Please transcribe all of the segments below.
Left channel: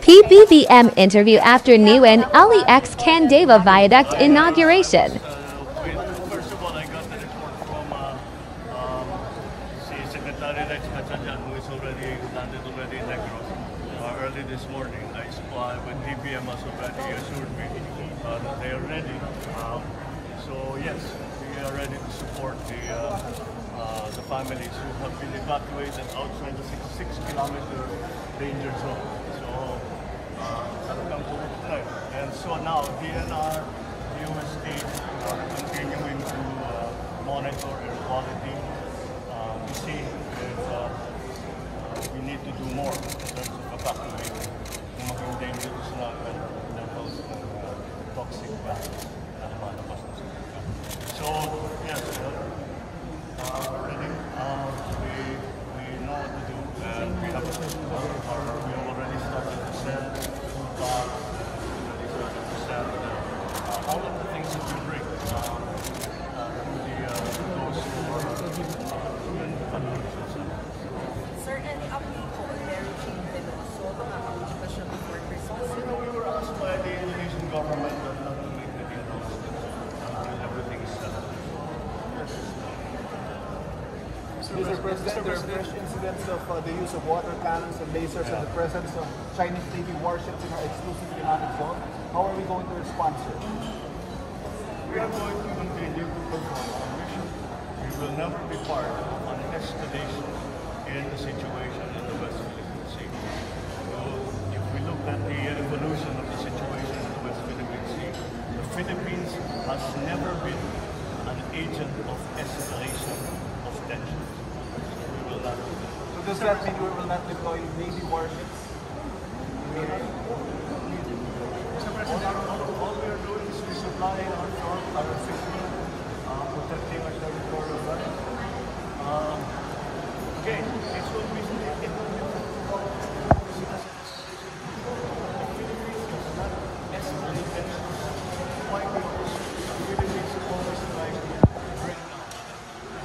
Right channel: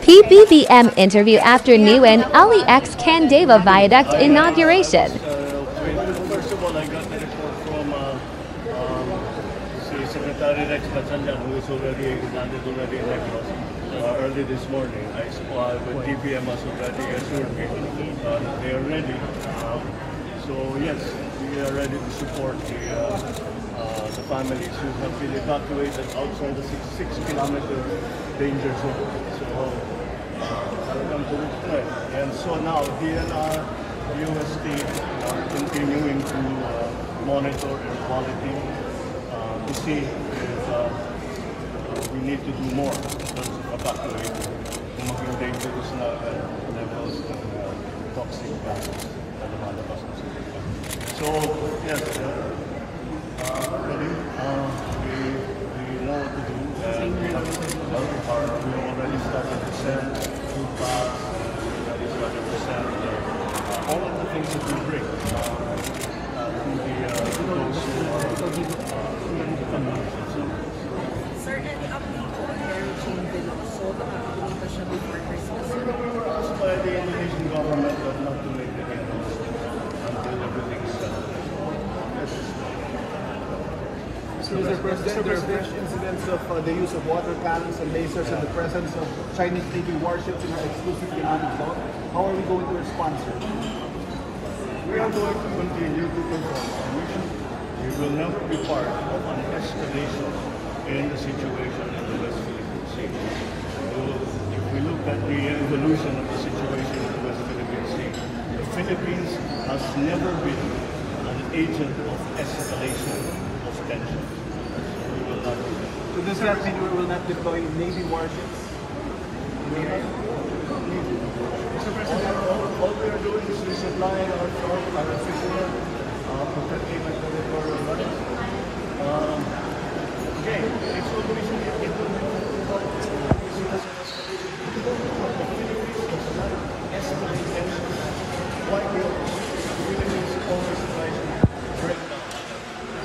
PBBM interview after new and LEX Candeva Viaduct inauguration. First of all, I got the report from Secretary Rex Bachanjan, who is already landed already in Negros early this morning. I spoke with DBM has already assured me that they are ready. So yes, we are ready to support the families who have been evacuated outside the 6-kilometer danger zone. So welcome to this point. And so now DNR, UST continuing to monitor air quality. We see that we need to do more to evacuate yung dangerous na levels of toxic gases na lumalabas na sa ito. So yes, we know what to do, and we already started to send food packs, and we already started to send all of the things that we bring to those who are in the community. Sir, any update on the change in also communication with workers? We were asked by the Indonesian government not to make the announcement until everything is settled. Yes. Mr. President, there's been incidents of the use of water cannons and lasers in the presence of Chinese Navy warships in our exclusive economic zone. How are we going to respond, sir? We are going to continue to perform our mission. We will never be part of an escalation in the situation in the West Philippine Sea. If we look at the evolution of the situation in the West Philippine Sea, the Philippines has never been an agent of escalation of tension. We will not do that. So does that mean we will not deploy Navy warships? All we are doing is resupplying our fishermen, protecting the territorial waters. Again, it's always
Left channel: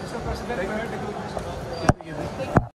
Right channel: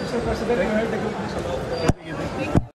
Mr. President, I heard the good news about